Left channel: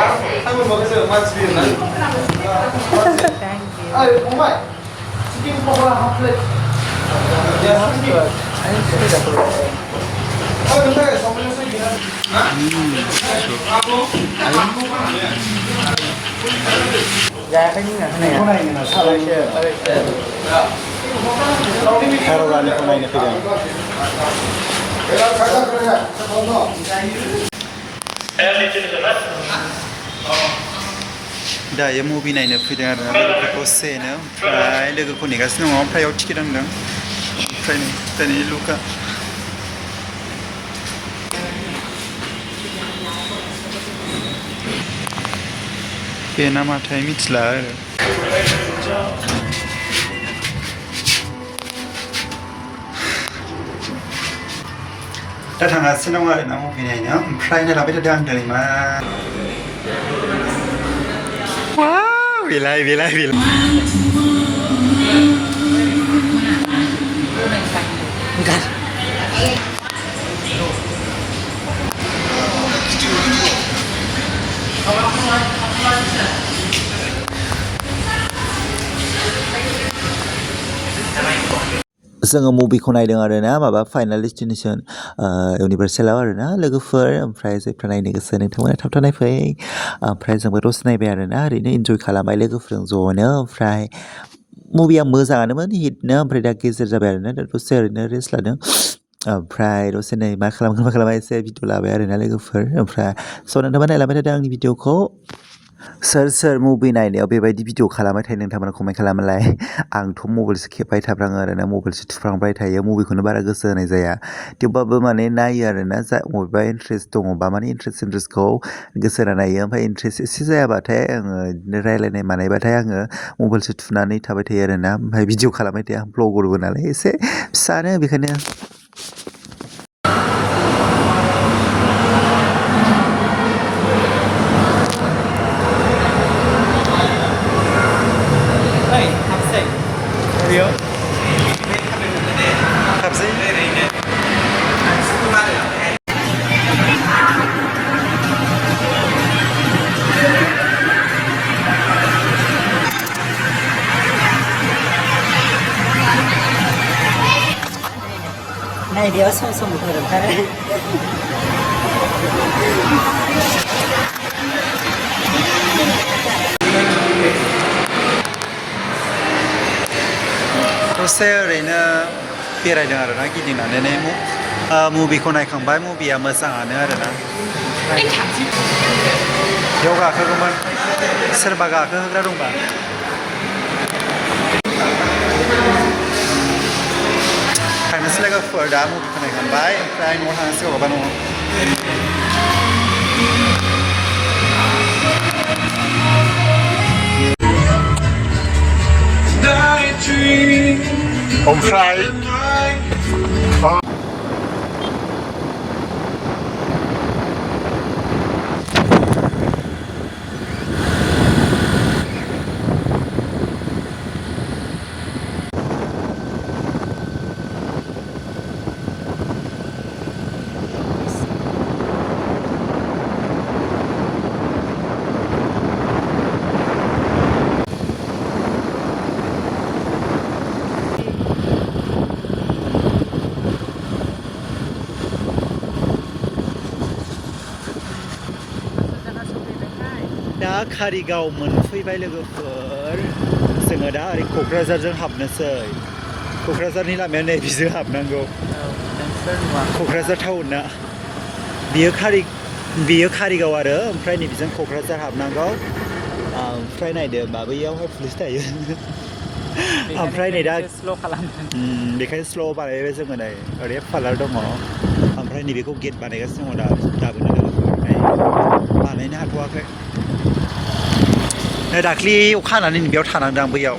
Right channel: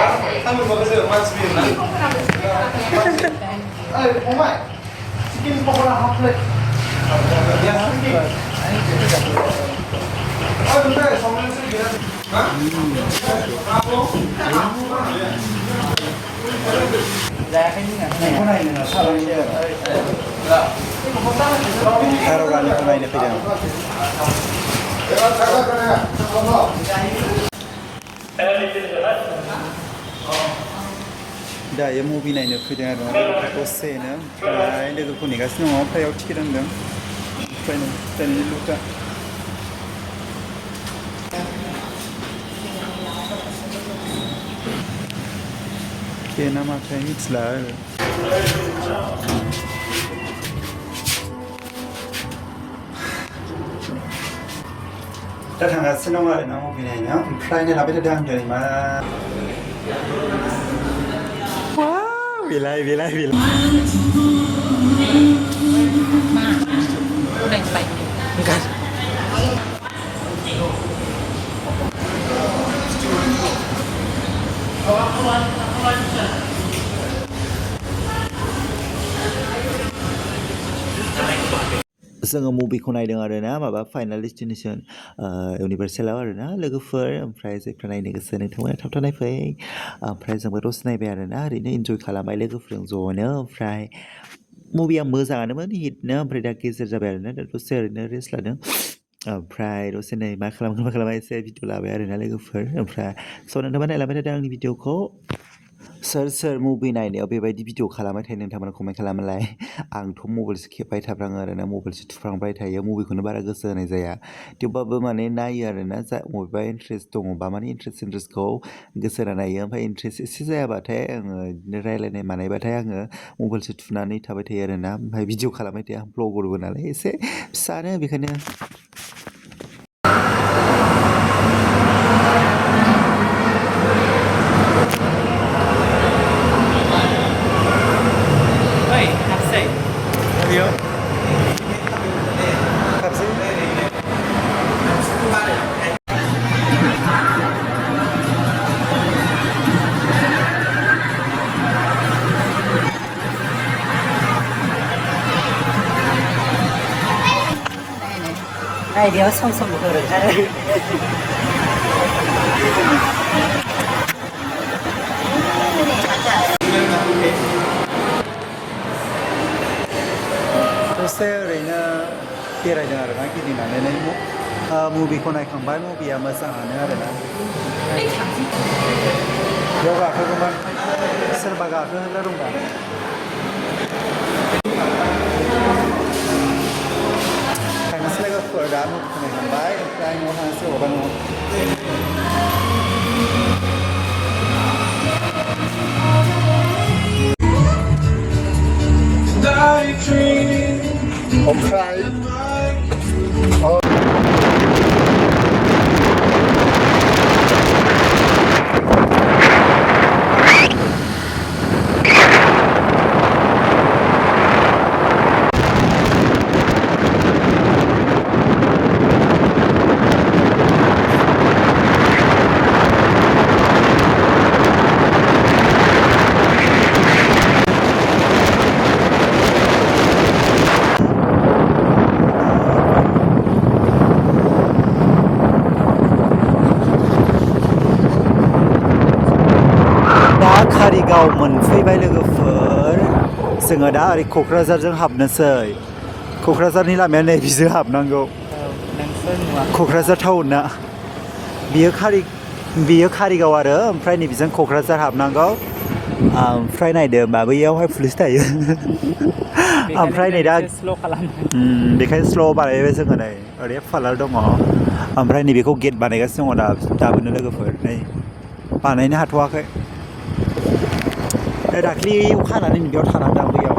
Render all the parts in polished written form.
한번 먹으세요. 맛있습니다. 아, 엄마. 치킨 먹어라 한 플레이트. 야, 치킨. 아, 근데 성면 쓰기는. 아? dạ cái này cái này là sao đây chưa harao này con này này दा ये movie नायनो फैदों आरो ना दसेनो ओमफ्राय लोगोखौ नेगासिनो दङ फ्रायाव टिकेट होनदों ओमफ्राय दानि लुका बे नामाथाय मिथिला आरो दा थांगासिनो दं आरो ना मुभि नायनो ओमफ्राय नायलाबाय थादों आं दिनै मा Bilai. Bukan. जोङो मुभिखौ नायदों आरो ना माबा फाइनाल डेस्टिनेसन इउनिभार्सेलाव आरो ना लोगोफोर ओमफ्राय जायफ्रा नायनो गोसो नोंथांमोना थाब थाब नायफै ओमफ्राय जोंबो दसे नायबाय आरो ना ओरैनो इन्जय खालामबाय लोगोफोरजों ज'नो ओमफ्राय मुभिया मोजाङानोमोन हिटनो ओमफ्राय दा गेजेर जाबाय आरो ना दा दसे ओरैनो रेस्ट लादों ओमफ्राय दसे नै मा खालामगोन एसे भिडिअ लाबाय आरो ना लोगोफोर ओमफ्राय स' नोंथांमोना नायलांबाय थादों आंनि भिडिअखौ सोर मुभि नायनायाव बेबायदि भिडिअ खालामबाय थायो नोंथांमोना कमेन्ट खालामलाय आंथ' मबाइलसो खेबबाय थाफ्राङो आरो ना मबाइलसो थुफ्रांबाय थायो मुभिखौनो बारा गोसो होनाय जाया थेवबाबो माने नायो आरो ना जा बबेबा इन्ट्रेस्ट दङबा माने इन्ट्रेस्टखौ गोसो होना नायो ओमफ्राय इन्ट्रेस्ट एसे जायाबाथाय आङो बिदिनो रायलायनाय मानायबाथाय आङो मबाइलसो थुनानै थाबाय थायो आरो ना ओमफ्राय भिडिअ खालामबाय थायो आं ब्लगरबो नालाय एसे फिसानो बेखायनो Iya. Apa sih? Này dia song betul kan? दसे ओरैनो बेरायदों आरो ना गिदिंनानै मुभिखौ नायखांबाय मुभिया मोजाङानो आरो ना बेयाव गाखोगौमोन सोरबा गाखोहोग्रा दंबा थांनोसै लोगोफोर दा मुभिखौ नायखांबाय ओमफ्राय न'आव थांनोसै अबेबा न'आव ओमफ्राय कारिगाव मोनफैबाय लोगोफोर जोङो दा ओरै क'क्राझारजों हाबनोसै क'क्राझारनि लामाया नै बिजों हाबनांगौ क'क्राझार टाउनना बियो कारिगाव आरो ओमफ्राय नैबिजों क'क्राझार हाबनांगौ ओमफ्राय नायदो होमबा बैयावहाय पुलिस थायो ओमफ्राय नै दा बेखायनो स्ल' बानायबाय जोङो नै ओरै पार्लार दङ ओमफ्राय नैबेखौ गेट बानायगासिनो दङ दाबोनो लोगोफोर नै बानायनो हाथ'वाखै दाख्लि अखा हानानै बेयाव थानानै दं बैयाव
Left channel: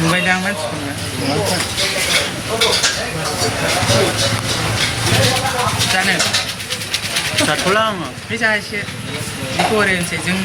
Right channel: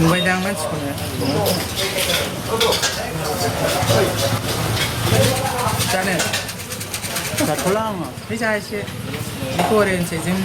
नुबाय दां मानसिखौनो जानो जाथ'ला आङो फैसा एसे बेखौ ओरैनोसै जों